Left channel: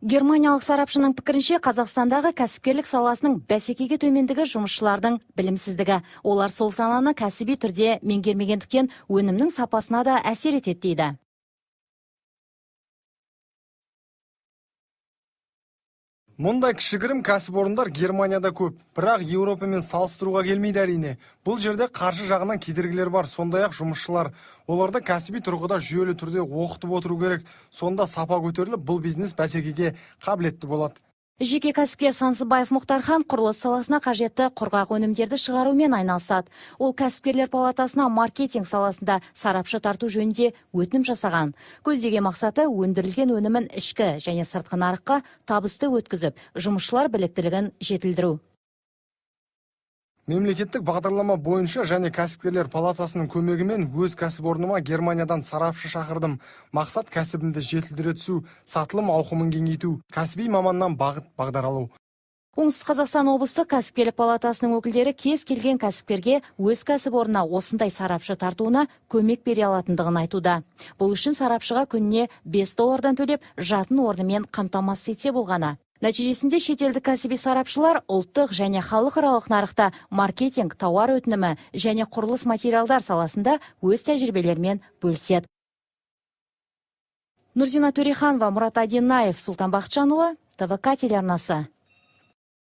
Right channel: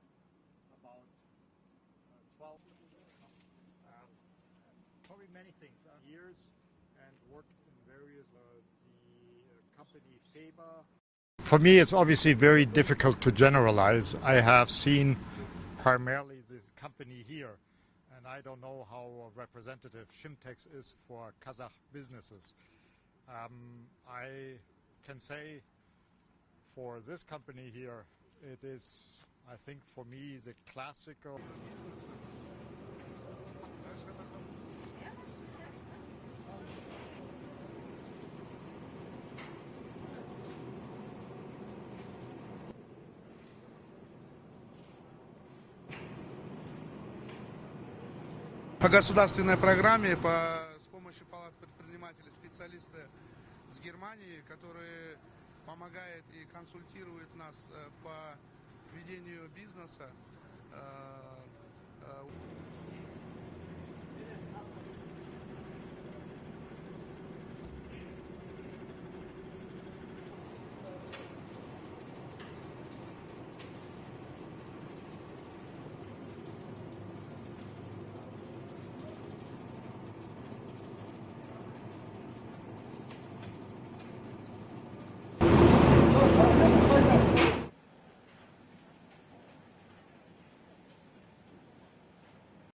Германиялық сарапшының пікірінше, Қазақстандағы кәсіпкерлік саласының бәсекеге төмендігі жұмысшылардың білімсіздігі. Олар сол саланы кәсіби түрде меңгермегендіктен өнімнің сапасына да әсер етеді дейді. For me, it's obviously very difficult to generalize. I have seen primarily... Мұндай кішігірім кәсіпорындар Германияда көп, бірақ Еуропамен салыстыруға келмейді әрине. Бұл жерде қаржы жағынан кедергілер бар, сондай-ақ жұмысшылар. Оларды кәсіби тұрғыда жүйелі түрде оқытып отыру керек. Сонда сапа көтеріліп, бұл бизнес бәсекеге қабілетті болады. Жеке кәсіпкер Сансыбаев Мұхтархан құрылыс саласына қажетті құрғақ өнімдерді шығарумен айналысады. Ол кәсіпкерлер палатасына маркетинг саласында сарапшы тарту жөнінде өтінім жасаған. Көздеген мақсаты өндірілген өнімін ішкі және сыртқы нарыққа табысты өткізіп, жұмысшылар біліктілігін жетілдіру. По государственной программе... Мемлекеттік бағдарлама бойынша және кәсіпкерлер палатасының көмегімен өз кәсіпорныма Германиядан сарапшы шақырдым. Мақсат кәсібімді жетілдіре түсу, сатылым ауқымын кеңейту, кәсіби маманнан бағдар алу. Оңтүстік Қазақстан облыстық кәсіпкерлік палатасының өкілдері кез келген кәсіпкерге өз кәсіпорнына осындай сарапшы тартуына көмек бере алатындығын айтуда. Бұл үшін сарапшыға күніне $5 төлеп, жатын орнымен қамтамасыз етсе болғаны. Нәтижесінде шетелдік кәсіби сарапшылар ұлттық және халықаралық нарықта маркетинг, тауар өтінімі және құрылыс материалдар саласында өз тәжірибелерімен бөліседі. Нұрзина Төреханова, Мұрат Адинаев, Сұлтан Бақытжанұлы, ТВК телеарнасы.